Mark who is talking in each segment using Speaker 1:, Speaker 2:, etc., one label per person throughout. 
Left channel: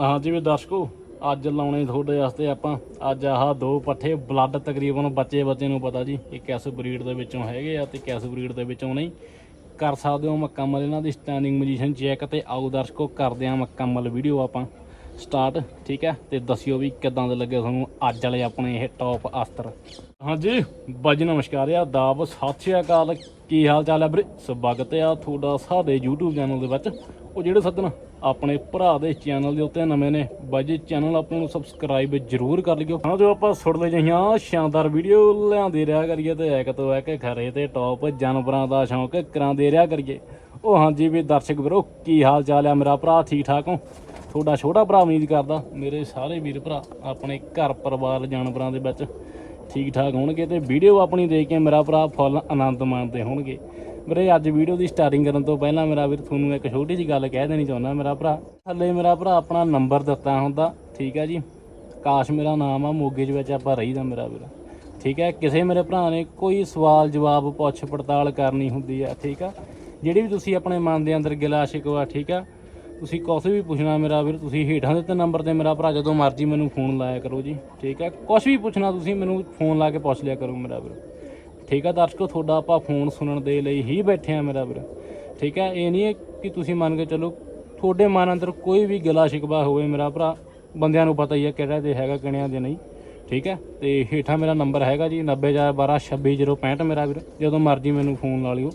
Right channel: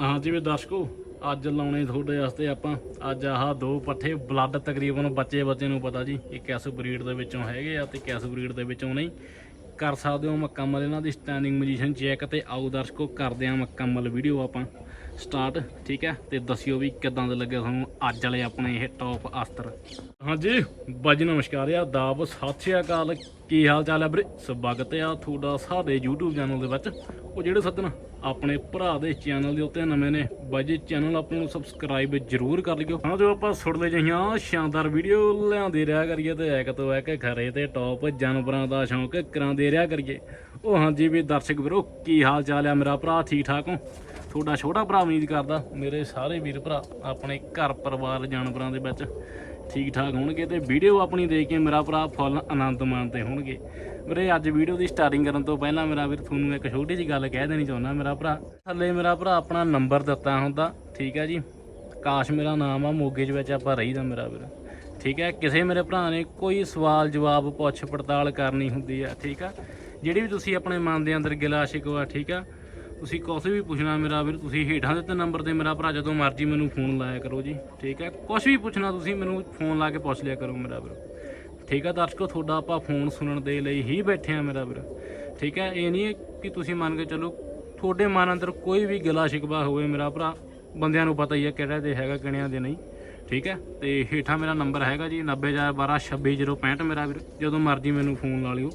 Speaker 1: ਹਾਂ ਵੀ ਦਰਸ਼ਕੋ, ਅੱਜ ਲਾਉਣੇ ਤੁਹਾਡੇ ਵਾਸਤੇ ਆਪਾਂ, ਅੱਜ ਆਹ ਦੋ ਪੱਠੇ ਬਲੱਡ ਤਕਰੀਬਨ ਬੱਚੇ ਬੱਚੇ ਨੂੰ ਪਤਾ ਜੀ, ਇਹ ਕਿਸ ਬਰੀਡ ਦੇ ਵਿੱਚੋਂ ਹੈਗੇ ਆ ਤੇ ਕਿਸ ਬਰੀਡ ਦੇ ਵਿੱਚੋਂ ਨਹੀਂ। ਕਰ ਸਕਦੇ ਹੋ ਮੁਕੰਮਲ ਇਹਨਾਂ ਦੀ ਸਟੈਂਡਿੰਗ ਪੋਜੀਸ਼ਨ ਚੈੱਕ ਤੇ ਆਓ ਦਰਸ਼ਕੋ, ਕਰਦੇ ਆ ਮੁਕੰਮਲ ਵੀਡੀਓ ਆਪਾਂ ਸਟਾਰਟ ਠੀਕ ਹੈ? ਤੇ ਦੱਸਿਓ ਵੀ ਕਿਦਾਂ ਦਾ ਲੱਗਿਆ ਤੁਹਾਨੂੰ ਅੱਜ ਵਾਲੇ ਆਪਣੇ ਇਹ ਟੌਪ ਅਸਤਰ। ਹਾਂਜੀ ਬਾਜੀ ਨਮਸਕਾਰ ਆ ਦਾਬ ਸਤਿ ਸ਼੍ਰੀ ਅਕਾਲ। ਕੀ ਹਾਲ ਚਾਲ ਹੈ ਵੀਰੇ? ਸਵਾਗਤ ਆ ਤੁਹਾਡਾ ਸਾਡੇ YouTube ਚੈਨਲ ਦੇ ਵਿੱਚ। ਉਹ ਜਿਹੜੇ ਸੱਜਣ ਆਪਣੇ ਭਰਾ ਦੇ ਚੈਨਲ ਦੇ ਉੱਤੇ ਨਵੇਂ ਨੇ। ਬਾਜੀ ਚੈਨਲ ਆਪਾਂ ਨੂੰ ਸਬਸਕ੍ਰਾਈਬ ਜ਼ਰੂਰ ਕਰ ਲਿਓ। ਹਾਂ, ਜੋ ਆਪਾਂ ਸੁਣਦੇ ਜਹੀਆਂ ਸ਼ਾਨਦਾਰ ਵੀਡੀਓ ਲਿਆਂਦੇ ਰਿਹਾ ਕਰੀਏ ਤੇ ਇੱਕ ਤੋਂ ਇੱਕ ਖਰੇ ਤੇ ਟੌਪ ਜਾਨਵਰਾਂ ਦਾ ਸ਼ੌਂਕ ਕਰਾਉਂਦੇ ਰਿਹਾ ਕਰੀਏ। ਉਹ ਹਾਂਜੀ ਵੀ ਦਰਸ਼ਕ ਵੀਰੋ, ਕੀ ਹਾਲ ਚਾਲ ਆ ਮੇਰਾ ਭਰਾ? ਠੀਕ ਠਾਕ ਹੋ? ਤੁਹਾਡਾ ਛੋਟਾ ਭਰਾ ਉਮੀਦ ਕਰਦਾ, ਮੇਰੇ ਸਾਰੇ ਵੀਰ ਭਰਾ, ਆਪਣੇ ਘਰ ਪਰਿਵਾਰ ਜਾਨਵਰਾਂ ਦੇ ਵਿੱਚ ਠੀਕ ਠਾਕ ਹੋਣਗੇ ਤੇ ਵੀਡੀਓ ਆਪਣੀ ਦੇਖ ਕੇ ਮੇਰਾ ਭਰਾ ਫੁੱਲ ਆਨੰਦ ਮਾਣਦੇ ਹੋਣਗੇ। ਵੀਰੇ, ਅੱਜ ਵੀਡੀਓ ਦੀ ਸਟਾਰਟਿੰਗ ਕਰਨ ਤੋਂ ਪਹਿਲਾਂ ਮੇਰਾ ਵੀਰ ਤੁਹਾਨੂੰ ਇੱਕ ਛੋਟੀ ਜਿਹੀ ਗੱਲ ਕਹਿ ਦੇਣੀ ਚਾਹੁੰਦਾ ਮੇਰਾ ਭਰਾ। ਥੱਲੇ ਮੇਰਾ ਭਰਾ ਆਪਣਾ ਨੰਬਰ ਦਿੱਤਾ ਹੁੰਦਾ, ਠੀਕ ਹੈ ਜੀ? ਕਾਸ਼ ਮੇਰਾ ਨਾਮ ਆ ਮੋਗੇ 'ਚ ਵਿੱਚ ਆਪਾਂ ਰਹੀਦਾ ਮੇਰਾ ਵੀਰ। ਠੀਕ ਹੈ ਕਿਸੇ ਮੇਰੇ ਭਰਾ ਨੇ ਕੋਈ ਸਵਾਲ ਜਵਾਬ ਪੁੱਛ ਪੜਤਾਲ ਕਰਨੀ ਹੁੰਦੀ ਆ, ਠੀਕ ਆ? ਜਿਹੜੀ ਵੀ ਤੁਸੀਂ ਆਪਣੇ ਮਨ ਦੇ ਅੰਦਰ ਗਿਲਾ ਸ਼ਿਕਵਾ, ਠੀਕ ਆ? ਤੁਸੀਂ ਕੁਛ ਵੀ ਪੁੱਛਣਾ ਮੇਰਾ ਵੀਰ, ਤੁਸੀਂ ਹੇਠਾਂ ਦਿੱਤੇ ਨੰਬਰ ਤੇ ਮੇਰਾ ਭਰਾ, ਜਦੋਂ ਮਰਜ਼ੀ ਮੈਨੂੰ ਫੋਨ ਲਾਇਆ ਕਰੋ ਜੀ, ਠੀਕ ਹੈ ਕੁਛ ਵੀ ਪੁੱਛਣਾ ਤੁਸੀਂ ਮੈਨੂੰ ਫੋਨ ਲਾ ਕੇ ਪੁੱਛ ਲਿਆ ਕਰੋ ਮੇਰਾ ਵੀਰ। ਠੀਕ ਆ ਦਰਸ਼ਕੋ, ਤੁਹਾਡਾ ਆਪਾਂ ਫੋਨ ਸੁਣਨ ਦੇ ਲਈ ਹੀ ਬੈਠੇ ਆ ਮੇਰਾ ਵੀਰ। ਠੀਕ ਹੈ ਇਹ ਨਹੀਂ ਹੈ ਕਿ ਤੁਸੀਂ ਮੰਨ ਕੇ ਚੱਲੋ, ਤੁਹਾਡੇ ਮਨ ਅੰਦਰ ਕੋਈ ਵੀ ਗਿਲਾ ਸ਼ਿਕਵਾ ਹੋਵੇ ਮੇਰਾ ਭਰਾ, ਬੰਦਿਆਂ ਨੂੰ ਪਤਾ ਹੀ ਹੈ ਕਿਹੜਾ ਦੇ ਹੈਗਾ, ਕਿਹੜਿਆਂ ਦੇ ਨਹੀਂ। ਠੀਕ ਹੈ ਤੇ ਹੇਠਾਂ ਮੇਰਾ ਨੰਬਰ ਹੈਗਾ ਜੀ 90412266065 ਮੇਰਾ ਵੀਰ, ਜਦੋਂ ਮਰਜ਼ੀ ਮੈਨੂੰ ਫੋਨ ਲਾ ਲਿਓ।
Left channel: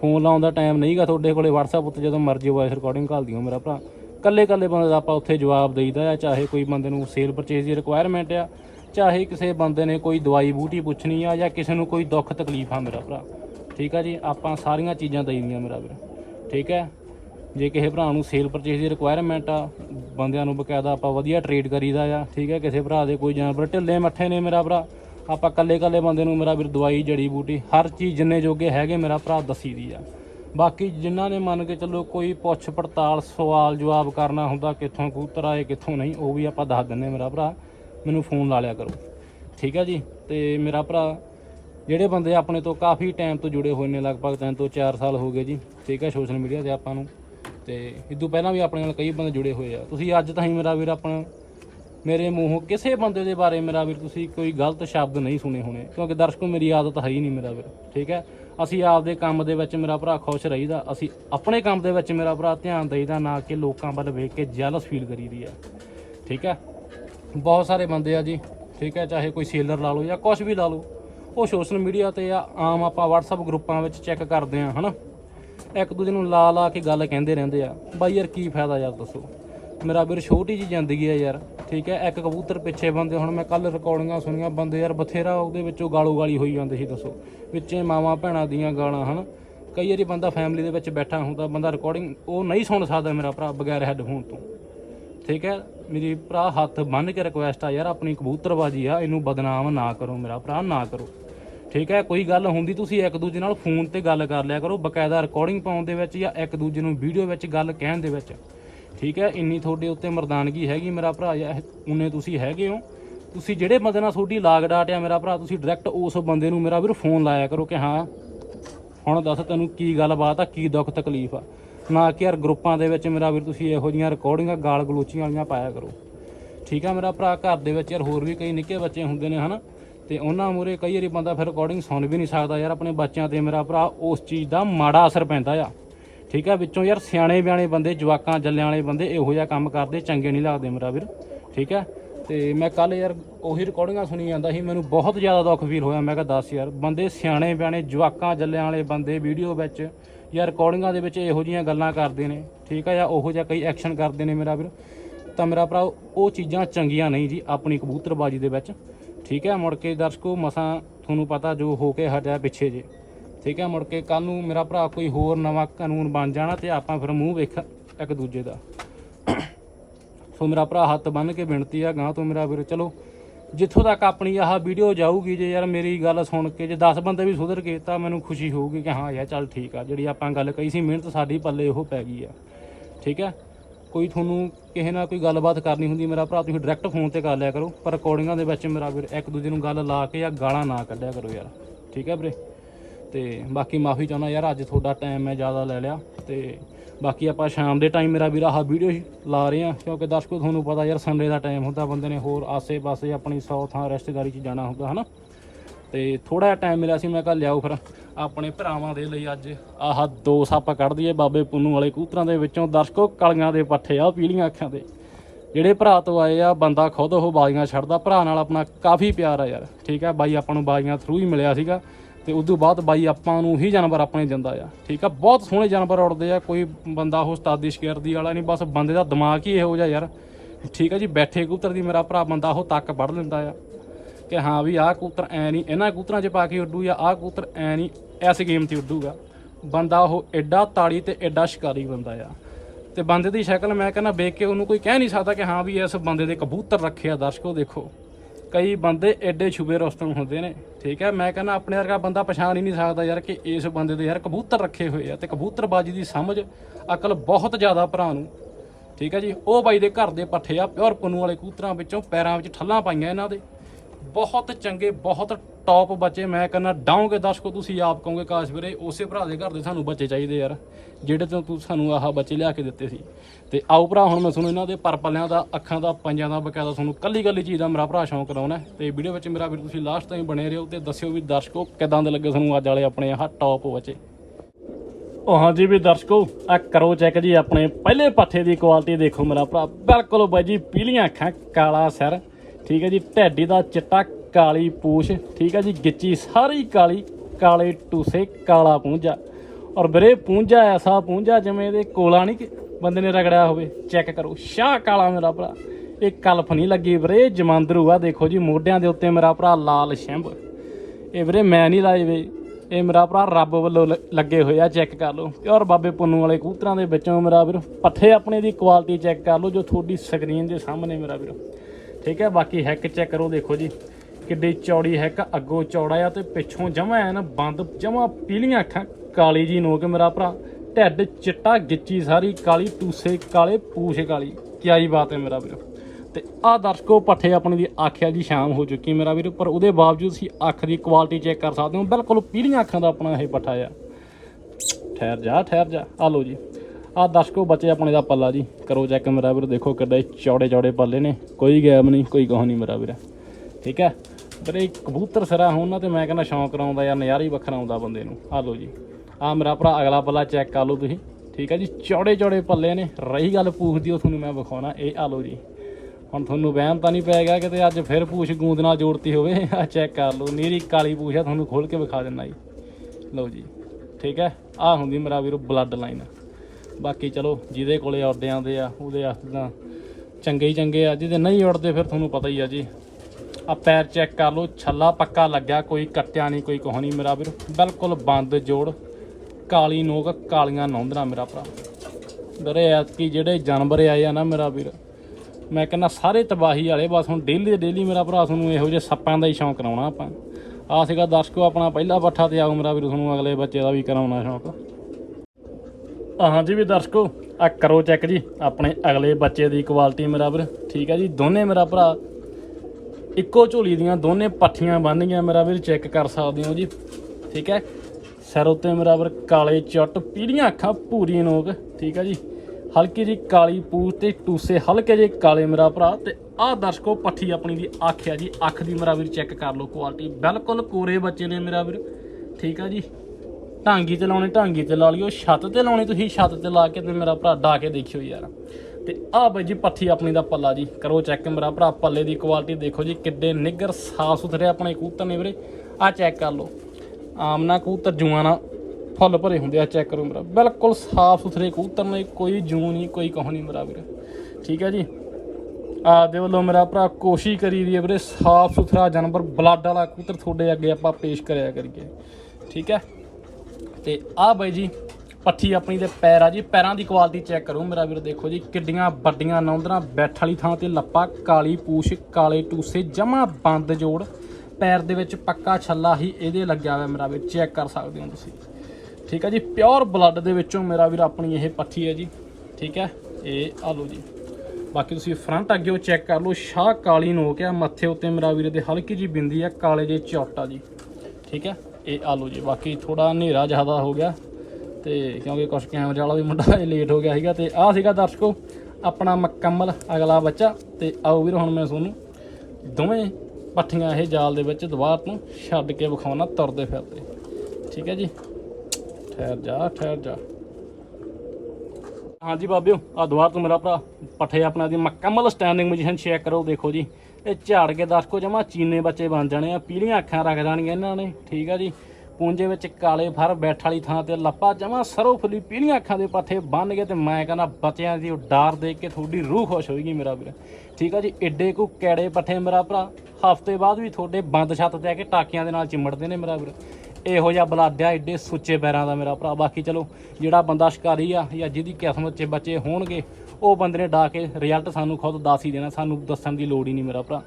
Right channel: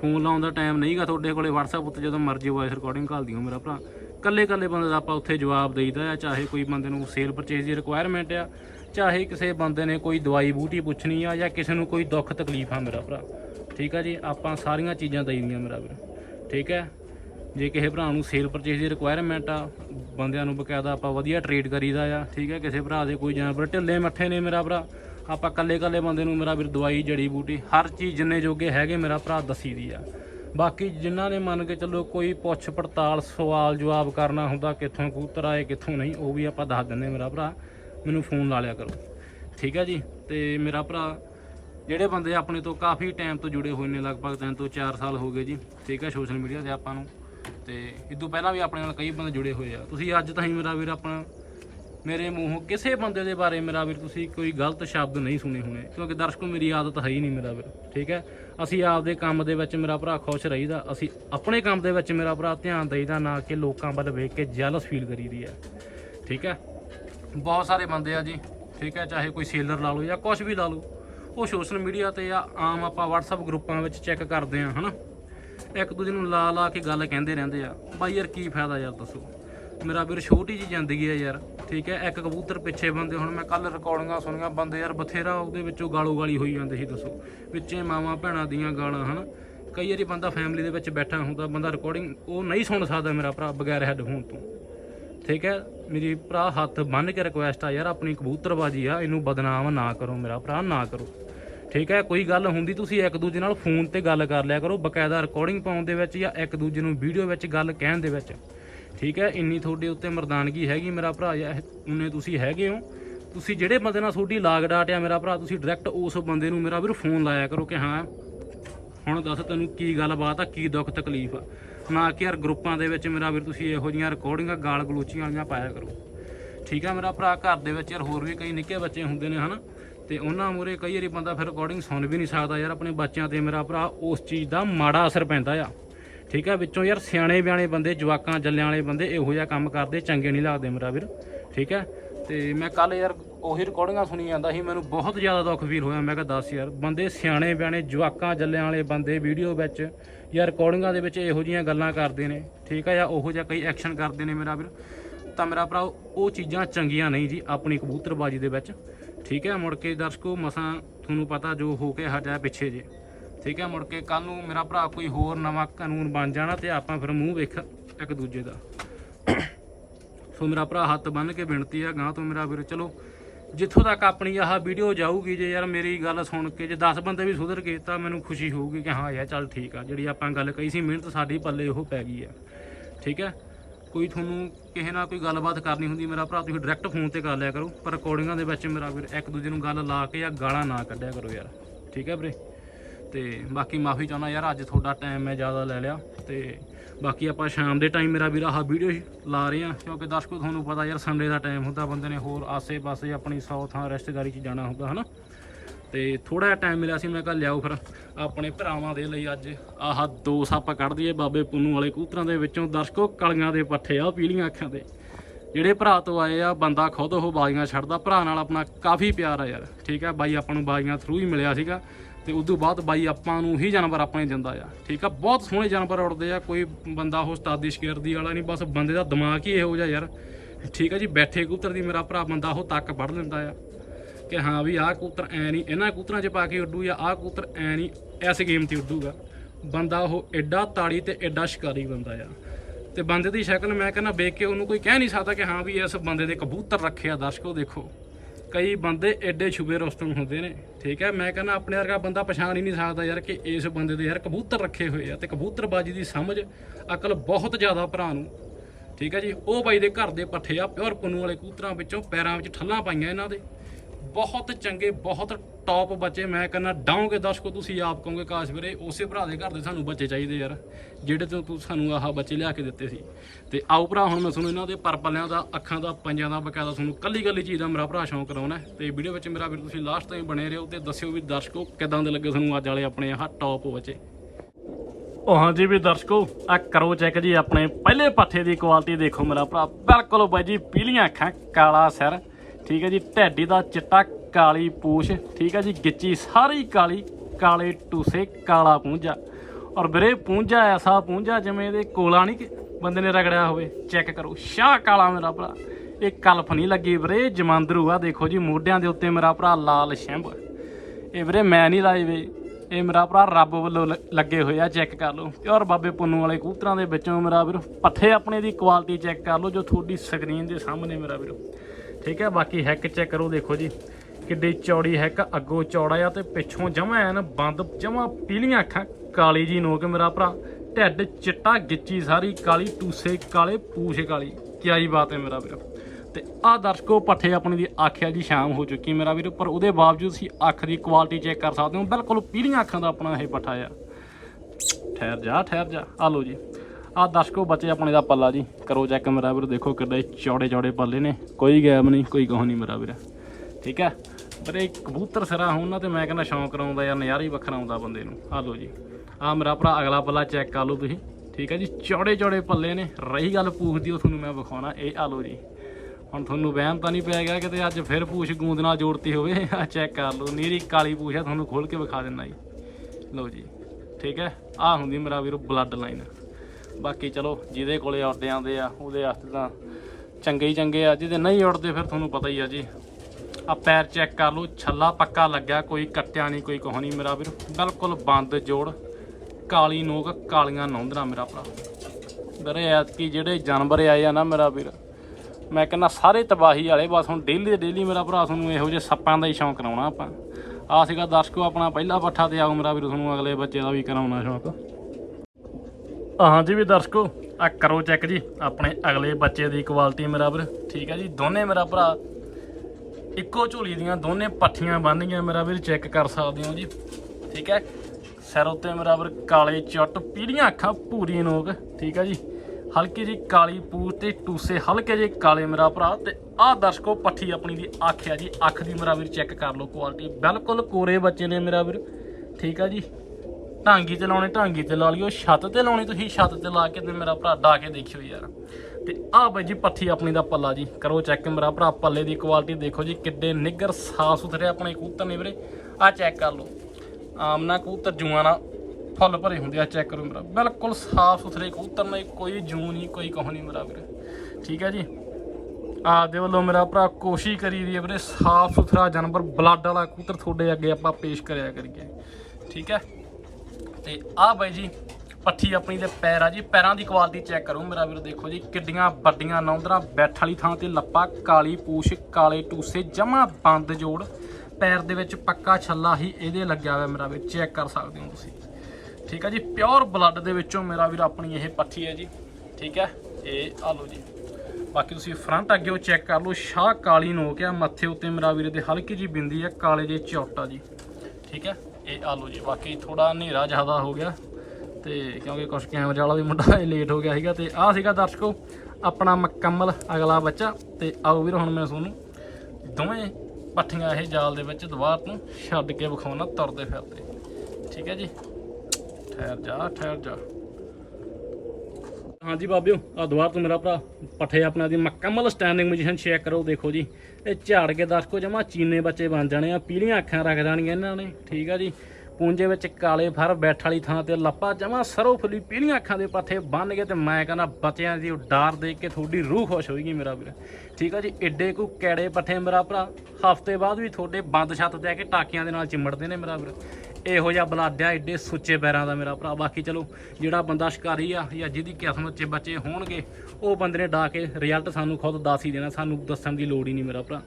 Speaker 1: ਫੋਨ ਲਾਉਣ ਦਾ ਟਾਈਮ ਨਹੀਂਗਾ ਤੁਹਾਡੇ ਕੋਲੇ WhatsApp ਉੱਤੇ, ਜਦੋਂ ਮਰਜ਼ੀ ਵੌਇਸ ਰਿਕਾਰਡਿੰਗ ਘੱਲ ਦਿਓ ਮੇਰਾ ਭਰਾ। ਕੱਲੇ ਕੱਲੇ ਬੰਦੇ ਦਾ ਆਪਾਂ ਉੱਥੇ ਜਵਾਬ ਦੇਈਦਾ ਆ, ਚਾਹੇ ਕੋਈ ਬੰਦੇ ਨੂੰ ਸੇਲ ਪਰਚੇਜ਼ ਦੀ ਰਿਕੁਆਇਰਮੈਂਟ ਆ ਚਾਹੇ ਕਿਸੇ ਬੰਦੇ ਨੇ ਕੋਈ ਦਵਾਈ ਬੂਟੀ ਪੁੱਛਣੀ ਆ ਜਾਂ ਕਿਸੇ ਨੂੰ ਕੋਈ ਦੁੱਖ ਤਕਲੀਫ ਆ ਮੇਰਾ ਭਰਾ। ਠੀਕ ਆ ਜੀ? ਆਪਾਂ ਸਾਰੀਆਂ ਚੀਜ਼ਾਂ ਦੇਈਦੀਆਂ ਮੇਰਾ ਵੀਰ। ਠੀਕ ਹੈ ਜੇ ਕਿਸੇ ਭਰਾ ਨੂੰ ਸੇਲ ਪਰਚੇਸ ਦੀ ਰਿਕੁਆਇਰਮੈਂਟ ਆ, ਬੰਦਿਆਂ ਨੂੰ ਬਕਾਇਦਾ ਆਪਾਂ ਵਧੀਆ ਟ੍ਰੇਡ ਕਰੀਦਾ ਆ, ਠੀਕ ਹੈ ਕਿਸੇ ਭਰਾ ਦੇ ਕੋਈ ਜਾਨਵਰ ਢਿੱਲੇ ਮੱਠੇ ਨੇ ਮੇਰਾ ਭਰਾ। ਆਪਾਂ ਕੱਲੇ ਕੱਲੇ ਬੰਦੇ ਨੂੰ ਮੇਰਾ ਵੀਰ ਦਵਾਈ, ਜੜੀ ਬੂਟੀ, ਹਰ ਚੀਜ਼ ਜਿੰਨੇ ਜੋਗੇ ਹੈਗੇ ਮੇਰਾ ਭਰਾ ਦੱਸੀ ਦੀ ਆ। ਬਾਕੀ ਜਿਨ੍ਹਾਂ ਨੇ ਮੰਨ ਕੇ ਚੱਲੋ ਕੋਈ ਪੁੱਛ ਪੜਤਾਲ ਸਵਾਲ ਜਵਾਬ ਕਰਨਾ ਹੁੰਦਾ, ਕਿੱਥੋਂ ਕਬੂਤਰ ਆਏ, ਕਿੱਥੋਂ ਨਹੀਂ, ਉਹ ਵੀ ਆਪਾਂ ਦੱਸ ਦਿੰਨੇ ਮੇਰਾ ਭਰਾ। ਮੈਨੂੰ ਫੋਨ ਲਾ ਲਿਆ ਕਰੋ। ਠੀਕ ਹੈ ਜੀ? ਤੇ ਮੇਰਾ ਭਰਾ, ਜਿਹੜੇ ਬੰਦੇ ਆਪਣੇ ਤੋਂ ਕਾਫੀ ਟਾਈਮ ਤੋਂ ਜੁੜੇ ਹੋਏ ਨੇ, ਲਗਭਗ 3 ਤੋਂ 4 ਸਾਲ ਹੋ ਗਏ ਜੀ, ਠੀਕ ਹੈ ਸੋਸ਼ਲ ਮੀਡੀਆ ਤੇ ਆਪਾਂ ਨੂੰ। ਤੇ ਤੋਂ ਪਹਿਲਾਂ ਵੀ ਆਪਣੇ ਨਾਲ ਕਈ ਬੰਦੇ ਜੁੜੇ ਹੋਏ ਆ। ਤੁਸੀਂ ਅੱਜ ਤਾਈਂ ਮੇਰਾ ਵੀਰ ਆਪਣਾ, ਮੇਰੇ ਮੂੰਹੋਂ ਕਿਸੇ ਬੰਦੇ ਦੇ ਬਾਰੇ ਮੇਰਾ ਵੀਰ ਤੁਸੀਂ ਕੋਈ ਗਲਤ ਸ਼ਬਦ ਨਹੀਂ ਸੁਣੇ ਹੋਣੇ, ਕਿਉਂਕਿ ਦਰਸ਼ਕੋ ਮੇਰੀ ਆਦਤ ਹੈ ਹੀ ਨਹੀਂ ਮੇਰਾ ਵੀਰ, ਠੀਕ ਹੈ ਅਸੀਂ ਆਪਦੇ ਕੰਮ ਦੇ ਵਿੱਚ ਮੇਰਾ ਭਰਾ ਖੁਸ਼ ਰਹੀਦਾ, ਅਸੀਂ ਆਪਣੇ ਕੰਮ ਦੇ ਵਿੱਚ ਮੇਰਾ ਭਰਾ ਧਿਆਨ ਦੇਈਦਾ ਨਾ ਕਿ ਲੋਕਾਂ ਵੱਲ ਵੇਖ ਕੇ ਜੈਲਸ ਫੀਲ ਕਰੀਦੀ ਆ, ਠੀਕ ਹੈ ਬਹੁਤ ਸਾਰੇ ਬੰਦੇ ਆ ਜੀ, ਠੀਕ ਹੈ, ਚਾਹੇ ਕੋਈ ਸੇਲਰ ਲਾ ਲਓ ਜਾਂ ਕੁਝ ਵੀ ਲਾ ਲਓ, ਉਹ ਸੋਸ਼ਲ ਮੀਡੀਆ ਤੇ ਆ, ਆਮ ਆਪਾਂ WhatsApp ਗਰੁੱਪਾਂ ਵਿੱਚ ਚੈੱਕ ਕਰਦੇ ਆ, ਹਨਾ? ਇੱਕ ਦੂਜੇ ਨੂੰ ਲਾ ਲਾ ਕੇ ਗੱਲ ਕਹਿੰਦੇ ਰਹਿੰਦੇ ਆ, ਬਾਈ ਯਾਰ ਕੀ ਫਾਇਦਾ ਯਾਰ ਦੱਸੋ? ਮੇਰਾ ਵੀਰ ਛੋਟੀ ਜੀ ਜ਼ਿੰਦਗੀ ਆ ਯਾਰ, ਠੀਕ ਹੈ, ਇੱਕ ਕਬੂਤਰ ਪਿੱਛੇ ਬੰਦੇ, ਹੁਣ ਮੈਂ ਕੱਲ ਰਿਕਾਰਡਿੰਗਾਂ ਸੁਣੀਆਂ, ਬੰਦੇ ਯਾਰ ਬਥੇਰਾ ਉਹਦੇ ਵਿੱਚੋਂ ਗਾਲੋ ਗਾਲੀ ਹੋਈ ਜਾਂਦੇ ਸੀ, ਦੱਸੋ? ਵਿੱਚੇ ਮਾਵਾਂ ਭੈਣਾਂ ਦੀਆਂ ਗਾਲਾਂ, ਹਨ? ਕਈ ਵਾਰੀ ਬੰਦਾ ਫੈਮਿਲੀ ਦੇ ਵਿੱਚ ਬੈਠਾ ਹੁੰਦਾ, ਬੰਦਾ ਰਿਕਾਰਡਿੰਗ ਉਹ ਨਹੀਂ ਸੁਣ ਸਕਦਾ ਮੇਰਾ ਭਰਾ, ਬਗੈਰ ਹੈੱਡਫੋਨ ਤੋਂ। ਠੀਕ ਹੈ? ਮੇਰੀ ਭਰਾ ਹੱਥ ਬੰਨ ਕੇ ਰਿਕੁਐਸਟ ਆ, ਯਾਰ ਆਪਣੀ ਕਬੂਤਰਬਾਜੀ ਆ, ਇਹਨੂੰ ਬਦਨਾਮ ਨਾ ਕਰੋ ਮੇਰਾ ਭਰਾ, ਨਾ ਕਰੋ। ਠੀਕ ਹੈ? ਕੋਈ ਗੱਲ ਹੁੰਦੀ ਤੁਸੀਂ ਇੱਕ ਦੂਜੇ ਨਾਲ ਫੋਨ ਤੇ ਗੱਲ ਕਰ ਲਿਆ ਕਰੋ, ਬਕਾਇਦਾ ਰਿਕਾਰਡਿੰਗ ਪਾਉਣ ਦੇ ਵਿੱਚ ਜਾਂ ਇੱਕ ਦੂਜੇ ਨੂੰ ਵੀਡੀਓ ਵਿੱਚ ਗੱਲ ਕਹਿਣ ਦੇ ਵਿੱਚ। ਠੀਕ ਹੈ? ਇੰਨੀ ਤੁਹਾਡੇ ਉੱਤੇ ਮਰਦਾਨਗੀ ਹੈਗੀ ਮੇਰਾ ਭਰਾ, ਜਾਂ ਉਹਨੇ ਤੁਸੀਂ ਹੈਗੇ ਹੋ। ਤੁਸੀਂ ਜਿਹੜੇ ਬੰਦੇ ਨਾਲ ਤੁਹਾਡੀ ਲਾਗ ਡਾਟ ਆ ਮੇਰਾ ਭਰਾ, ਤੁਸੀਂ ਡਾਇਰੈਕਟ ਉਸ ਬੰਦੇ ਨੂੰ ਮੇਰਾ ਵੀਰ ਫੋਨ ਲਾਇਆ ਕਰੋ ਕਿ ਹਾਂ, ਹੁਣ ਦੱਸ ਤੈਨੂੰ ਕੀ ਗੱਲਬਾਤ ਆ, ਕੀ ਦੁੱਖ ਤਕਲੀਫ ਆ। ਨਾ ਕਿ ਯਾਰ ਗਰੁੱਪਾਂ ਦੇ ਵਿੱਚ ਮੇਰਾ ਵੀਰ ਤੁਸੀਂ ਇਹੋ ਜੀਆਂ ਰਿਕਾਰਡਿੰਗਾਂ ਗਾਲ ਗਲੋਚੀਆਂ ਵਾਲੀਆਂ ਪਾਇਆ ਕਰੋ। ਠੀਕ ਆ, ਮੇਰਾ ਭਰਾ ਘਰ ਦੇ ਵਿੱਚ ਯਾਰ ਹੋਰ ਵੀ ਕਈ ਨਿੱਕੇ ਬੱਚੇ ਹੁੰਦੇ ਨੇ ਹਨਾ, ਤੇ ਉਹਨਾਂ ਮੂਹਰੇ ਕਈ ਵਾਰੀ ਬੰਦਾ ਫਿਰ ਰਿਕਾਰਡਿੰਗ ਸੁਣ ਵੀ ਨਹੀਂ ਸਕਦਾ ਯਾਰ ਆਪਣੇ ਬੱਚਿਆਂ ਤੇ ਮੇਰਾ ਭਰਾ ਉਸ ਚੀਜ਼ ਦਾ ਮਾੜਾ ਅਸਰ ਪੈਂਦਾ ਆ। ਠੀਕ ਆ, ਵਿੱਚੋਂ ਯਾਰ ਸਿਆਣੇ ਬਿਆਣੇ ਬੰਦੇ, ਜਵਾਕਾਂ, ਜੱਲਿਆਂ ਵਾਲੇ ਬੰਦੇ ਇਹੋ ਜਿਹਾ ਕੰਮ ਕਰਦੇ, ਚੰਗੇ ਨਹੀਂ ਲੱਗਦੇ ਮੇਰਾ ਵੀਰ। ਠੀਕ ਹੈ ਤੇ ਮੈਂ ਕੱਲ ਯਾਰ ਉਹੀ ਰਿਕਾਰਡਿੰਗਾਂ ਸੁਣੀ ਜਾਂਦਾ ਸੀ, ਮੈਨੂੰ ਬਹੁਤ ਜ਼ਿਆਦਾ ਦੁੱਖ ਫੀਲ ਹੋਇਆ, ਮੈਂ ਕਿਹਾ ਦੱਸ ਯਾਰ, ਬੰਦੇ ਸਿਆਣੇ ਬਿਆਣੇ, ਜਵਾਕਾਂ, ਜੱਲਿਆਂ ਵਾਲੇ ਬੰਦੇ ਵੀਡੀਓ ਵਿੱਚ ਜਾਂ ਰਿਕਾਰਡਿੰਗਾਂ ਦੇ ਵਿੱਚ ਇਹੋ ਜਿਹੀਆਂ ਗੱਲਾਂ ਕਰਦੇ ਨੇ, ਠੀਕ ਆ ਜਾਂ ਉਹੋ ਜਿਹਾ ਕਈ ਐਕਸ਼ਨ ਕਰਦੇ ਨੇ ਮੇਰਾ ਵੀਰ, ਤਾਂ ਮੇਰਾ ਭਰਾ, ਉਹ ਚੀਜ਼ਾਂ ਚੰਗੀਆਂ ਨਹੀਂ ਜੀ ਆਪਣੀ ਕਬੂਤਰਬਾਜੀ ਦੇ ਵਿੱਚ, ਠੀਕ ਹੈ ਮੁੜ ਕੇ ਦਰਸ਼ਕੋ ਮਸਾਂ ਤੁਹਾਨੂੰ ਪਤਾ ਜੋ ਹੋ ਕੇ ਹਟਿਆ ਪਿੱਛੇ ਜੇ, ਠੀਕ ਹੈ ਮੁੜ ਕੇ ਕੱਲ ਨੂੰ ਮੇਰਾ ਭਰਾ ਕੋਈ ਹੋਰ ਨਵਾਂ ਕਾਨੂੰਨ ਬਣ ਜਾਣਾ ਤੇ ਆਪਾਂ ਫਿਰ ਮੂੰਹ ਵੇਖ ਇੱਕ ਦੂਜੇ ਦਾ। ਸੋ ਮੇਰਾ ਭਰਾ ਹੱਥ ਬੰਨ ਕੇ ਬੇਨਤੀ ਆ ਗਾਂ ਤੋਂ ਮੇਰਾ ਵੀਰ, ਚਲੋ ਜਿੱਥੋਂ ਤੱਕ ਆਪਣੀ ਆਹ ਵੀਡੀਓ ਜਾਊਗੀ, ਜੇ ਯਾਰ ਮੇਰੀ ਗੱਲ ਸੁਣ ਕੇ, ਜੇ 10 ਬੰਦੇ ਵੀ ਸੁਧਰ ਗਏ ਤਾਂ ਮੈਨੂੰ ਖੁਸ਼ੀ ਹੋਊਗੀ ਕਿ ਹਾਂ ਯਾਰ ਚੱਲ ਠੀਕ ਆ, ਜਿਹੜੀ ਆਪਾਂ ਗੱਲ ਕਹੀ ਸੀ, ਮਿਹਨਤ ਸਾਡੀ ਪੱਲੇ ਉਹ ਪੈ ਗਈ ਆ। ਠੀਕ ਹੈ ਕੋਈ ਤੁਹਾਨੂੰ ਕਿਸੇ ਨਾਲ ਕੋਈ ਗੱਲਬਾਤ ਕਰਨੀ ਹੁੰਦੀ, ਮੇਰਾ ਭਰਾ ਤੁਸੀਂ ਡਾਇਰੈਕਟ ਫੋਨ ਤੇ ਕਰ ਲਿਆ ਕਰੋ, ਪਰ ਰਿਕਾਰਡਿੰਗਾਂ ਦੇ ਵਿੱਚ ਮੇਰਾ ਵੀਰ ਇੱਕ ਦੂਜੇ ਨੂੰ ਗੱਲ ਲਾ ਕੇ ਜਾਂ ਗਾਲਾਂ ਨਾ ਕੱਢਿਆ ਕਰੋ ਯਾਰ। ਠੀਕ ਹੈ ਵੀਰੇ? ਤੇ ਬਾਕੀ ਮਾਫੀ ਚਾਹੁੰਦਾ ਯਾਰ, ਅੱਜ ਤੁਹਾਡਾ ਟਾਈਮ ਮੈਂ ਜ਼ਿਆਦਾ ਲੈ ਲਿਆ ਤੇ ਬਾਕੀ ਆਪਾਂ ਸ਼ਾਮ ਦੇ ਟਾਈਮ ਮੇਰਾ ਵੀਰ ਆਹ ਵੀਡੀਓ ਲਾ ਰਹੇ ਆ ਕਿਉਂਕਿ ਦਰਸ਼ਕੋ ਤੁਹਾਨੂੰ ਪਤਾ ਯਾਰ ਸੰਡੇ ਦਾ ਟਾਈਮ ਹੁੰਦਾ, ਬੰਦੇ ਨੇ ਹੋਰ ਆਸੇ-ਪਾਸੇ ਆਪਣੀ ਸੌ ਥਾਂ ਰਿਸ਼ਤੇਦਾਰੀ 'ਚ ਜਾਣਾ ਹੁੰਦਾ, ਹਨਾ? ਤੇ ਥੋੜਾ ਜਿਹਾ ਟਾਈਮ ਮਿਲਿਆ ਸੀ, ਮੈਂ ਕਿਹਾ ਲਿਆਓ ਫਿਰ ਆਪਣੇ ਭਰਾਵਾਂ ਦੇ ਲਈ ਅੱਜ ਆਹ ਦੋ ਸੱਪ ਕੱਢ ਦਈਏ, ਬਾਬੇ ਪੁੰਨੂ ਵਾਲੇ ਕੂਤਰਾਂ ਦੇ ਵਿੱਚੋਂ। ਦਰਸ਼ਕੋ, ਕਲੀਆਂ ਦੇ ਪੱਠੇ ਆ, ਪੀਲੀਆਂ ਅੱਖਾਂ ਦੇ। ਜਿਹੜੇ ਭਰਾ ਤੋਂ ਆਏ ਆ, ਬੰਦਾ ਖੁਦ ਉਹ ਬਾਜ਼ੀਆਂ ਛੱਡਦਾ, ਭਰਾ ਨਾਲ ਆਪਣਾ ਕਾਫੀ ਪਿਆਰ ਆ ਯਾਰ, ਠੀਕ ਹੈ ਬਾਈ, ਆਪਾਂ ਨੂੰ ਬਾਜ਼ੀਆਂ ਥਰੂ ਹੀ ਮਿਲਿਆ ਸੀਗਾ। ਤੇ ਤੋਂ ਬਾਅਦ ਬਾਈ ਆਪਾਂ ਨੂੰ ਹੀ ਜਾਨਵਰ ਆਪਣੇ ਦਿੰਦਾ ਆ। ਠੀਕ ਆ? ਬਹੁਤ ਸੋਹਣੇ ਜਾਨਵਰ ਉੜਦੇ ਆ। ਕੋਈ ਬੰਦਾ ਉਹ ਉਸਤਾਦੀ, ਸ਼ਗਿਰਦੀ ਵਾਲਾ ਨਹੀਂ, ਬਸ ਬੰਦੇ ਦਾ ਦਿਮਾਗ ਹੀ ਇਹੋ ਜਿਹਾ ਯਾਰ। ਠੀਕ ਆ ਜੀ? ਬੈਠੇ ਕਬੂਤਰ ਦੀ ਮੇਰਾ ਭਰਾ ਬੰਦਾ ਉਹ ਤੱਕ ਪੜ ਲੈਂਦਾ ਆ। ਕਿ ਹਾਂ ਵੀ ਆਹ ਕਬੂਤਰ ਐ ਨਹੀਂ, ਇਹਨਾਂ ਕਬੂਤਰਾਂ 'ਚ ਪਾ ਕੇ ਉੱਡੂ ਜਾਂ ਆਹ ਕਬੂਤਰ ਐ ਨਹੀਂ, ਐਸ ਗੇਮ 'ਤੇ ਉੱਡੂਗਾ। ਬੰਦਾ ਉਹ ਐਡਾ ਤਾੜੀ ਤੇ ਐਡਾ ਸ਼ਿਕਾਰੀ ਬੰਦਾ ਆ। ਤੇ ਬੰਦੇ ਦੀ ਸ਼ਕਲ ਮੈਂ ਕਹਿੰਦਾ ਵੇਖ ਕੇ ਉਹਨੂੰ ਕੋਈ ਕਹਿ ਨਹੀਂ ਸਕਦਾ ਕਿ ਹਾਂ ਵੀ ਇਸ ਬੰਦੇ ਦੇ ਕਬੂਤਰ ਰੱਖੇ ਆ, ਦਰਸ਼ਕੋ ਦੇਖੋ। ਕਈ ਬੰਦੇ ਐਡੇ ਛੁਪੇ ਰਸਤਮ ਹੁੰਦੇ ਨੇ, ਠੀਕ ਹੈ? ਮੈਂ ਕਹਿੰਦਾ ਆਪਣੇ ਵਰਗਾ ਬੰਦਾ ਪਛਾਣ ਹੀ ਨਹੀਂ ਸਕਦਾ ਯਾਰ ਕਿ ਇਸ ਬੰਦੇ ਦੇ ਯਾਰ ਕਬੂਤਰ ਰੱਖੇ ਹੋਏ ਆ ਤੇ ਕਬੂਤਰਬਾਜੀ ਦੀ ਸਮਝ ਅਕਲ ਬਹੁਤ ਜ਼ਿਆਦਾ ਭਰਾ ਨੂੰ, ਠੀਕ ਹੈ ਜੀ? ਉਹ ਬਾਈ ਦੇ ਘਰ ਦੇ ਪੱਠੇ ਆ, ਪਿਓਰ ਪੁੰਨੂ ਵਾਲੇ ਕਬੂਤਰਾਂ ਵਿੱਚੋਂ ਪੈਰਾਂ ਵਿੱਚ ਠੱਲਾਂ ਪਾਈਆਂ ਇਹਨਾਂ ਦੇ। ਬਹੁਤ ਚੰਗੇ, ਬਹੁਤ ਟੌਪ ਬੱਚੇ। ਮੈਂ ਕਹਿੰਦਾ ਡਾਉਂਗੇ ਦਰਸ਼ਕੋ ਤੁਸੀਂ ਆਪ ਕਹੋਗੇ, ਕਾਸ਼ ਵੀਰੇ, ਉਸੇ ਭਰਾ ਦੇ ਘਰ ਦੇ ਸਾਨੂੰ ਬੱਚੇ ਚਾਹੀਦੇ ਯਾਰ, ਜਿਹੜੇ ਤੋਂ ਤੂੰ ਸਾਨੂੰ ਆਹ ਬੱਚੇ ਲਿਆ ਕੇ ਦਿੱਤੇ ਸੀ। ਤੇ ਆਓ ਭਰਾ, ਹੁਣ ਮੈਂ ਤੁਹਾਨੂੰ ਇਹਨਾਂ ਦੇ ਪਰਪਲਿਆਂ ਦਾ, ਅੱਖਾਂ ਦਾ, ਪੰਜਾਂ ਦਾ, ਬਕਾਇਦਾ ਤੁਹਾਨੂੰ ਕੱਲੀ ਕੱਲੀ ਚੀਜ਼ ਦਾ ਮੇਰਾ ਭਰਾ ਸ਼ੌਂਕ ਕਰਾਉਣਾ ਹੈ। ਤੇ ਵੀਡੀਓ ਵਿੱਚ ਮੇਰਾ ਵੀਰ, ਤੁਸੀਂ ਲਾਸਟ ਟਾਈਮ ਬਣੇ ਰਹੋ ਤੇ ਦੱਸਿਓ ਵੀ ਦਰਸ਼ਕੋ ਕਿਦਾਂ ਦੇ ਲੱਗੇ ਤੁਹਾਨੂੰ ਅੱਜ ਵਾਲੇ ਆਪਣੇ ਆਹ ਟੌਪ ਬੱਚੇ। ਉਹ ਹਾਂਜੀ ਵੀ ਦਰਸ਼ਕੋ ਆ ਕਰੋ ਚੈੱਕ ਜੀ ਆਪਣੇ ਪਹਿਲੇ ਪੱਠੇ ਦੀ ਕੁਆਲਿਟੀ ਦੇਖੋ ਮੇਰਾ ਭਰਾ। ਬਿਲਕੁਲ ਬਾਈ ਜੀ, ਪੀਲੀਆਂ ਅੱਖਾਂ, ਕਾਲਾ ਸਿਰ। ਠੀਕ ਹੈ ਜੀ, ਢੈਡੀ ਦਾ ਚਿੱਟਾ, ਕਾਲੀ ਪੂਛ, ਠੀਕ ਹੈ ਜੀ, ਗਿੱਚੀ, ਸਾਰੀ ਕਾਲੀ, ਕਾਲੇ ਟੂਸੇ, ਕਾਲਾ ਪੂੰਝਾ। ਔਰ ਵੀਰੇ, ਪੂੰਝਾ, ਐਸਾ ਪੂੰਝਾ ਜਿਵੇਂ ਇਹਦੇ ਕੋਲਾ ਨਹੀਂ ਬੰਦੇ ਨੇ ਰਗੜਿਆ ਹੋਵੇ, ਚੈੱਕ ਕਰੋ। ਸ਼ਾਹ ਕਾਲਾ ਮੇਰਾ ਭਰਾ। ਇਹ ਕਲਫ ਨਹੀਂ ਲੱਗੀ ਵੀਰੇ, ਜਮਾਂਦਰੂ ਆ, ਦੇਖੋ ਜੀ, ਮੋਢਿਆਂ ਦੇ ਉੱਤੇ ਮੇਰਾ ਭਰਾ ਲਾਲ ਸ਼ਿੰਬ। ਇਹ ਵੀਰੇ, ਮੈਂ ਨਹੀਂ ਲਾਏ ਵੇ। ਇਹ ਮੇਰਾ ਭਰਾ ਰੱਬ ਵੱਲੋਂ ਲ- ਲੱਗੇ ਹੋਏ ਆ, ਚੈੱਕ ਕਰ ਲਓ। ਔਰ ਬਾਬੇ ਪੁੰਨੂ ਵਾਲੇ ਕੂਤਰਾਂ ਦੇ ਵਿੱਚੋਂ ਮੇਰਾ ਵੀਰ, ਪੱਠੇ ਆਪਣੇ ਦੀ ਕੁਆਲਿਟੀ ਚੈੱਕ ਕਰ ਲਓ, ਜੋ ਤੁਹਾਡੀ ਸਕਰੀਨ ਦੇ ਸਾਹਮਣੇ ਮੇਰਾ ਵੀਰ। ਠੀਕ ਹੈ, ਬਾਕੀ ਹੈਕ ਚੈੱਕ ਕਰੋ, ਦੇਖੋ ਜੀ, ਕਿੱਡੀ ਚੌੜੀ ਹੈਕ ਅੱਗੋਂ ਚੌੜਾ ਆ ਤੇ ਪਿੱਛੋਂ ਜਮਾ ਐਨ ਬੰਦ, ਜਮਾ ਪੀਲੀਆਂ ਅੱਖਾਂ, ਕਾਲੀ ਜੀ ਨੋਕ ਮੇਰਾ ਭਰਾ, ਢਿੱਡ ਚਿੱਟਾ, ਗਿੱਚੀ ਸਾਰੀ ਕਾਲੀ, ਟੂਸੇ ਕਾਲੇ, ਪੂਛ ਕਾਲੀ ਕਿਆ ਹੀ ਬਾਤ ਹੈ ਮੇਰਾ ਵੀਰ। ਤੇ ਆ ਦਰਸ਼ਕੋ, ਪੱਠੇ ਆਪਣੀ ਦੀ ਆਖਿਆ ਜੀ ਸ਼ਾਮ ਹੋ ਚੁੱਕੀ ਮੇਰਾ ਵੀਰ, ਪਰ ਉਹਦੇ ਬਾਵਜੂਦ ਤੁਸੀਂ ਅੱਖ ਦੀ ਕੁਆਲਿਟੀ ਚੈੱਕ ਕਰ ਸਕਦੇ ਹੋ, ਬਿਲਕੁਲ ਪੀਲੀਆਂ ਅੱਖਾਂ ਦਾ ਆਪਣਾ ਇਹ ਪੱਠਾ ਆ। ਠਹਿਰ ਜਾ ਠਹਿਰ ਜਾ ਆ ਲੋ ਜੀ। ਆ ਦਰਸ਼ਕੋ ਬੱਚੇ ਆਪਣੇ ਦਾ ਪੱਲਾ ਜੀ। ਕਰੋ ਚੈੱਕ ਮੇਰਾ ਵੀਰ, ਦੇਖੋ ਕਿੱਡੇ ਚੌੜੇ ਚੌੜੇ ਪੱਲੇ ਨੇ। ਕੋਈ ਗੈਪ ਨਹੀਂ, ਕੋਈ ਕਹੋ ਨਹੀਂ ਮੇਰਾ ਵੀਰ। ਠੀਕ ਹੈ? ਵੀਰੇ ਕਬੂਤਰ ਸਿਰਾ ਹੋਣ ਨਾ ਤੇ ਮੈਂ ਕਹਿੰਦਾ ਸ਼ੌਂਕ ਆਉਂਦਾ ਯਾਰ ਨਜ਼ਾਰਾ ਹੀ ਵੱਖਰਾ ਆਉਂਦਾ ਬੰਦੇ ਨੂੰ। ਆ ਲਓ ਜੀ। ਆ ਮੇਰਾ ਭਰਾ ਅਗਲਾ ਪੱਲਾ ਚੈੱਕ ਕਰ ਲਓ ਤੁਸੀਂ। ਠੀਕ ਹੈ ਜੀ? ਚੌੜੇ ਚੌੜੇ ਪੱਲੇ ਨੇ। ਰਹੀ ਗੱਲ ਪੂਛ ਦੀ, ਉਹ ਤੁਹਾਨੂੰ ਮੈਂ ਵਿਖਾਉਣਾ। ਇਹ ਆ ਲਓ ਜੀ। ਹੁਣ ਤੁਹਾਨੂੰ ਵਹਿਮ ਤਾਂ ਨਹੀਂ ਪੈ ਗਿਆ ਕਿਤੇ ਅੱਜ ਫਿਰ ਪੂਛ ਗੂੰਦ ਨਾਲ ਜੋੜਤੀ ਹੋਵੇ? ਆ ਚੈੱਕ ਕਰ ਲਓ। ਨੀਰੀ ਕਾਲੀ ਪੂਛ ਆ, ਤੁਹਾਨੂੰ ਖੋਲ ਕੇ ਵਿਖਾ ਦਿੰਦਾ ਜੀ। ਲਓ ਜੀ। ਠੀਕ ਹੈ? ਆ ਹੁੰਦੀ ਮੇਰਾ ਵੀਰੋ ਬਲੱਡ ਲਾਈਨ ਬਾਕੀ ਚਲੋ, ਜਿਹਦੇ ਕੋਲੇ ਉੜਦੇ ਆਉਂਦੇ ਆ, ਉਹਦੇ ਵਾਸਤੇ ਤਾਂ ਚੰਗੇ ਹੀ ਚੰਗੇ ਆ। ਜਿਹਦੇ ਨਹੀਂ ਉੜਦੇ, ਫਿਰ ਤੁਹਾਨੂੰ ਪਤਾ ਹੀ ਆ ਜੀ। ਆ ਪੈਰ ਚੈੱਕ ਕਰ ਲਓ, ਛੱਲਾ ਪੱਕਾ ਲੱਗਿਆ, ਕੋਈ ਕੱਟਿਆ ਨਹੀਂ, ਕੋਈ ਕੁਛ ਨਹੀਂ ਮੇਰਾ ਵੀਰ। ਬਿਲਕੁਲ ਬੰਦ ਜੋੜ, ਕਾਲੀ ਨੋਕ, ਕਾਲੀਆਂ ਨੌਂਦਰਾ ਮੇਰਾ ਭਰਾ। ਵੀਰੇ, ਐਤਕੀ ਜਿਹੜੇ ਜਾਨਵਰ ਆਏ ਆ ਨਾ ਮੇਰਾ ਵੀਰ, ਮੈਂ ਕਹਿੰਦਾ ਸਾਰੇ ਤਬਾਹੀ ਵਾਲੇ, ਬਸ ਹੁਣ ਡੇਲੀ ਡੇਲੀ ਮੇਰਾ ਭਰਾ ਤੁਹਾਨੂੰ ਇਹੋ ਜਿਹੇ ਸੱਪਾਂ ਦਾ ਹੀ ਸ਼ੌਂਕ ਕਰਾਉਣਾ ਆਪਾਂ। ਆ ਸੀਗਾ ਦਰਸ਼ਕੋ ਆਪਣਾ ਪਹਿਲਾ ਪੱਠਾ ਤੇ ਆਉ ਮੇਰਾ ਵੀਰ, ਤੁਹਾਨੂੰ ਅਗਲੇ ਬੱਚੇ ਦਾ ਵੀ ਕਰਾਉਣਾ ਸ਼ੌਂਕ। ਹਾਂਜੀ ਵੀ ਦਰਸ਼ਕੋ, ਆ ਕਰੋ ਚੈੱਕ ਜੀ, ਆਪਣੇ ਅਗਲੇ ਬੱਚੇ ਦੀ ਕੁਆਲਿਟੀ ਮੇਰਾ ਵੀਰ। ਠੀਕ ਹੈ ਜੀ, ਦੋਨੇ ਮੇਰਾ ਭਰਾ। ਇੱਕੋ ਝੋਲੀ ਦੀਆਂ ਦੋਨੇ ਪੱਠੀਆਂ ਬੰਨੀਆਂ ਮੇਰਾ ਵੀਰ ਚੈੱਕ ਕਰ ਸਕਦੇ ਹੋ ਜੀ। ਠੀਕ ਹੈ ਸਿਰ ਉੱਤੇ ਮੇਰਾ ਵੀਰ ਕਾਲੇ ਚੁੱਟ, ਪੀੜੀਆਂ ਅੱਖਾਂ ਪੂਰੀ ਨੋਕ। ਠੀਕ ਹੈ ਜੀ, ਹਲਕੀ ਜੀ ਕਾਲੀ ਪੂਛ ਤੇ ਟੂਸੇ ਹਲਕੇ ਜੇ ਕਾਲੇ ਮੇਰਾ ਭਰਾ ਤੇ ਆਹ ਦਰਸ਼ਕੋ ਪੱਠੀ ਆਪਣੀ ਦੀ ਅੱਖ ਹੈ ਜੀ, ਅੱਖ ਦੀ ਮੇਰਾ ਵੀਰ ਚੈੱਕ ਕਰ ਲਓ ਕੁਆਲਿਟੀ ਬਿਲਕੁਲ ਕੋਰੇ ਬੱਚੇ ਨੇ ਮੇਰਾ ਵੀਰ। ਠੀਕ ਆ ਜੀ ਢਾਂਗੀ ਤੇ ਲਾਉਣੇ, ਢਾਂਗੀ ਤੇ ਲਾ ਲਿਓ। ਛੱਤ ਤੇ ਲਾਉਣੀ ਤੁਸੀਂ, ਛੱਤ ਤੇ ਲਾ ਕੇ ਤੇ ਮੇਰਾ ਭਰਾ ਢਾ ਕੇ ਦੇਖਿਓ ਯਾਰ। ਤੇ ਆਹ ਬਾਈ ਜੀ ਪੱਠੀ ਆਪਣੀ ਦਾ ਪੱਲਾ ਜੀ, ਕਰੋ ਚੈੱਕ ਮੇਰਾ ਭਰਾ, ਪੱਲੇ ਦੀ ਕੁਆਲਿਟੀ ਦੇਖੋ ਜੀ, ਕਿੱਡੇ ਨਿੱਗਰ ਸਾਫ਼ ਸੁਥਰੇ ਆਪਣੇ ਕਬੂਤਰ ਨੇ ਵੀਰੇ। ਆਹ ਚੈੱਕ ਕਰ ਲਓ। ਆਮ ਨਾ ਕਬੂਤਰ ਜੂਆਂ ਨਾ ਫੁੱਲ ਭਰੇ ਹੁੰਦੇ ਆ ਚੈੱਕ ਕਰੋ ਮੇਰਾ। ਬਿਲਕੁਲ ਸਾਫ਼ ਸੁਥਰੇ ਕਬੂਤਰ ਨੇ, ਕੋਈ ਜੂ ਨਹੀਂ, ਕੋਈ ਕੁਛ ਨਹੀਂ ਮੇਰਾ ਵੀਰੇ। ਠੀਕ ਹੈ ਜੀ? ਆਪਦੇ ਵੱਲੋਂ ਮੇਰਾ ਭਰਾ, ਕੋਸ਼ਿਸ਼ ਕਰੀ ਦੀ ਹੈ ਵੀਰੇ, ਸਾਫ਼ ਸੁਥਰਾ ਜਾਨਵਰ, ਬਲੱਡ ਵਾਲਾ ਕਬੂਤਰ ਤੁਹਾਡੇ ਅੱਗੇ ਆਪਾਂ ਪੇਸ਼ ਕਰਿਆ ਕਰੀਏ। ਠੀਕ ਹੈ? ਤੇ ਆਹ ਬਾਈ ਜੀ, ਪੱਠੀ ਆਪਣੀ ਦੇ ਪੈਰ ਆ ਜੀ। ਪੈਰਾਂ ਦੀ ਕੁਆਲਿਟੀ ਚੈੱਕ ਕਰੋ ਮੇਰਾ ਵੀਰ, ਦੇਖੋ ਜੀ, ਕਿੱਡੀਆਂ ਵੱਡੀਆਂ ਨੌਂਦਰਾਂ। ਬੈਠ ਵਾਲੀ ਥਾਂ ਤੇ ਲੱਪਾ, ਕਾਲੀ ਪੂਛ, ਕਾਲੇ ਟੂਸੇ, ਜਮਾ ਬੰਦ ਜੋੜ। ਪੈਰ ਦੇ ਵਿੱਚ ਪੱਕਾ ਛੱਲਾ ਹੀ ਇਹਦੇ ਲੱਗਿਆ ਹੋਇਆ ਮੇਰਾ ਵੀਰ ਚੈੱਕ ਕਰ ਸਕਦੇ ਹੋ ਤੁਸੀਂ। ਠੀਕ ਹੈ ਜੀ ਪਿਓਰ ਬਲੱਡ ਦੇ ਵਿੱਚੋਂ ਮੇਰਾ ਵੀਰ ਆਪਣੀ ਇਹ ਪੱਠੀ ਹੈ ਜੀ। ਠੀਕ ਹੈ, ਇਹ ਆ ਲਓ ਜੀ। ਬਾਕੀ ਤੁਸੀਂ ਫਰੰਟ ਅੱਗੇ ਉਹ ਚੈੱਕ ਕਰ ਲਓ, ਸ਼ਾਹ ਕਾਲੀ ਨੋਕ ਆ, ਮੱਥੇ ਉੱਤੇ ਮੇਰਾ ਵੀਰ ਦੇ ਹਲਕੀ ਜੀ ਬਿੰਦੀ ਆ, ਕਾਲੇ ਜੇ ਚੌਟਾ ਜੀ। ਠੀਕ ਹੈ ਇਹ ਆ ਜੀ, ਬਾਕੀ ਥੋੜਾ ਹਨੇਰਾ ਜ਼ਿਆਦਾ ਹੋ ਗਿਆ ਤੇ ਕਿਉਂਕਿ ਕੁਛ ਕੈਮਰੇ ਵਾਲਾ ਵੀ ਮੁੰਡਾ ਲੇਟ ਹੋ ਗਿਆ ਸੀਗਾ ਤੇ ਆਹ ਸੀਗਾ ਦਰਸ਼ਕੋ, ਆਪਣਾ ਮੁਕੰਮਲ ਅਗਲਾ ਬੱਚਾ ਤੇ ਆਓ ਵੀਰ, ਹੁਣ ਮੈਂ ਤੁਹਾਨੂੰ ਦੋਵੇਂ ਪੱਠੀਆਂ ਇਹ ਜਾਲ ਦੇ ਵਿੱਚ ਦੁਬਾਰ ਤੋਂ ਛੱਡ ਕੇ ਵਿਖਾਉਣਾ ਤੁਰਦੇ ਫਿਰਦੇ। ਠੀਕ ਹੈ ਜੀ? ਠਹਿਰ ਜਾ ਠਹਿਰ ਜਾ। ਹਾਂਜੀ ਬਾਬਿਓ ਆ ਦੁਬਾਰ ਤੋਂ ਮੇਰਾ ਭਰਾ ਪੱਠੇ ਆਪਣਾ ਦੀ ਮੁਕੰਮਲ ਸਟੈਂਡਿੰਗ ਪੋਜੀਸ਼ਨ ਚੈੱਕ ਕਰੋ, ਦੇਖੋ ਜੀ। ਇਹ ਝਾੜ ਕੇ ਦਰਸ਼ਕੋ ਜਮਾ ਚੀਨੇ ਬੱਚੇ ਬਣ ਜਾਣੇ ਆ, ਪੀਲੀਆਂ ਅੱਖਾਂ ਰੱਖ ਜਾਣੀਆਂ ਇਹਨਾਂ ਨੇ, ਠੀਕ ਆ ਜੀ। ਪੂੰਜੇ ਵਿੱਚ ਕਾਲੇ ਫਰ ਬੈਠ ਵਾਲੀ ਥਾਂ ਤੇ ਲੱਪਾ ਜਮਾ ਸਰੋ ਫੁੱਲੀ ਪੀਲੀਆਂ ਅੱਖਾਂ ਦੇ ਪੱਥੇ ਬੰਨ ਗਏ ਤੇ ਮੈਂ ਕਹਿੰਦਾ ਬੱਚਿਆਂ ਦੀ ਉਹ ਡਾਰ ਦੇਖ ਕੇ ਤੁਹਾਡੀ ਰੂਹ ਖੁਸ਼ ਹੋਏਗੀ ਮੇਰਾ ਵੀਰ। ਠੀਕ ਆ ਜੀ, ਏਡੇ ਕੋ ਕੈੜੇ ਪੱਠੇ ਮੇਰਾ ਭਰਾ, ਹਫ਼ਤੇ ਬਾਅਦ ਵੀ ਤੁਹਾਡੇ ਬੰਦ ਛੱਤ ਤੇ ਆ ਕੇ ਟਾਕੀਆਂ ਦੇ ਨਾਲ ਚਿਮੜਦੇ ਨੇ ਮੇਰਾ ਵੀਰ। ਇਹੋ ਜਿਹਾ ਬਲਾਡਿਆ ਏਡੇ ਸੁੱਚੇ ਪੈਰਾਂ ਦਾ ਮੇਰਾ ਭਰਾ। ਬਾਕੀ ਚਲੋ, ਜਿਹੜਾ ਬੰਦਾ ਸ਼ਿਕਾਰੀ ਆ ਜਾਂ ਜਿਹਦੀ ਕਿਸਮਤ 'ਚ ਬੱਚੇ ਹੋਣਗੇ, ਉਹ ਬੰਦੇ ਨੇ ਡਾ ਕੇ ਰਿਜ਼ਲਟ ਸਾਨੂੰ ਖੁਦ ਦੱਸ ਹੀ ਦੇਣਾ, ਸਾਨੂੰ ਦੱਸਣ ਦੀ ਲੋੜ ਹੀ ਨਹੀਂ ਮੇਰਾ ਭਰਾ।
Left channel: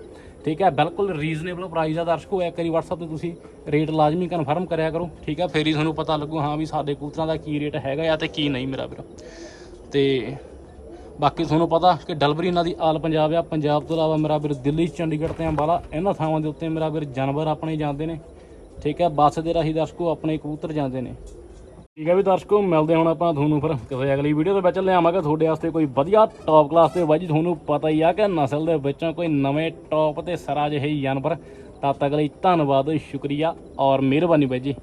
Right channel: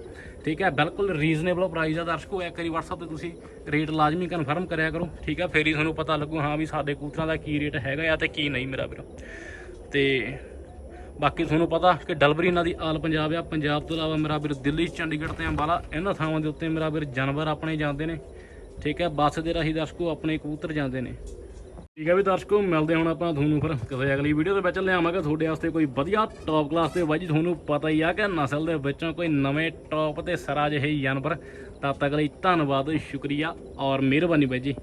Speaker 1: ਠੀਕ ਹੈ, ਬਿਲਕੁਲ ਰੀਜ਼ਨੇਬਲ ਪ੍ਰਾਈਸ ਆ ਦਰਸ਼ਕੋ ਇੱਕ ਵਾਰੀ WhatsApp ਤੇ ਤੁਸੀਂ ਰੇਟ ਲਾਜ਼ਮੀ ਕਨਫਰਮ ਕਰਿਆ ਕਰੋ। ਠੀਕ ਹੈ, ਫੇਰ ਹੀ ਤੁਹਾਨੂੰ ਪਤਾ ਲੱਗੂ, ਹਾਂ ਵੀ ਸਾਡੇ ਕੂਤਰਾਂ ਦਾ ਕੀ ਰੇਟ ਹੈਗਾ ਆ ਤੇ ਕੀ ਨਹੀਂ ਮੇਰਾ ਵੀਰ। ਤੇ ਬਾਕੀ ਤੁਹਾਨੂੰ ਪਤਾ ਕਿ ਡਲਬਰੀ ਇਹਨਾਂ ਦੀ ਆਲ ਪੰਜਾਬ ਆ। ਪੰਜਾਬ ਤੋਂ ਇਲਾਵਾ ਮੇਰਾ ਵੀਰ ਦਿੱਲੀ, ਚੰਡੀਗੜ੍ਹ ਤੇ ਅੰਬਾਲਾ, ਇਹਨਾਂ ਥਾਵਾਂ ਦੇ ਉੱਤੇ ਮੇਰਾ ਵੀਰ ਜਾਨਵਰ ਆਪਣੇ ਜਾਂਦੇ ਨੇ। ਠੀਕ ਹੈ, ਬੱਸ ਦੇ ਰਾਹੀਂ ਦਰਸ਼ਕੋ ਆਪਣੇ ਕਬੂਤਰ ਜਾਂਦੇ ਨੇ। ਠੀਕ ਹੈ ਵੀ ਦਰਸ਼ਕੋ, ਮਿਲਦੇ ਹੁਣ ਆਪਾਂ ਤੁਹਾਨੂੰ ਫਿਰ ਕਿਸੇ ਅਗਲੀ ਵੀਡੀਓ ਦੇ ਵਿੱਚ। ਲਿਆਵਾਂਗੇ ਤੁਹਾਡੇ ਵਾਸਤੇ ਕੋਈ ਵਧੀਆ ਟੌਪ ਕਲਾਸ ਦੇ ਬਾਈ ਜੀ, ਤੁਹਾਨੂੰ ਪਤਾ ਹੀ ਆ ਕਿ ਨਸਲ ਦੇ ਵਿੱਚੋਂ ਕੋਈ ਨਵੇਂ ਟੌਪ ਤੇ ਸਰਾ ਜਿਹੇ ਜਾਨਵਰ। ਤਦ ਤੱਕ ਲਈ ਧੰਨਵਾਦ, ਸ਼ੁਕਰੀਆ ਔਰ ਮਿਹਰਬਾਨੀ ਬਾਈ ਜੀ।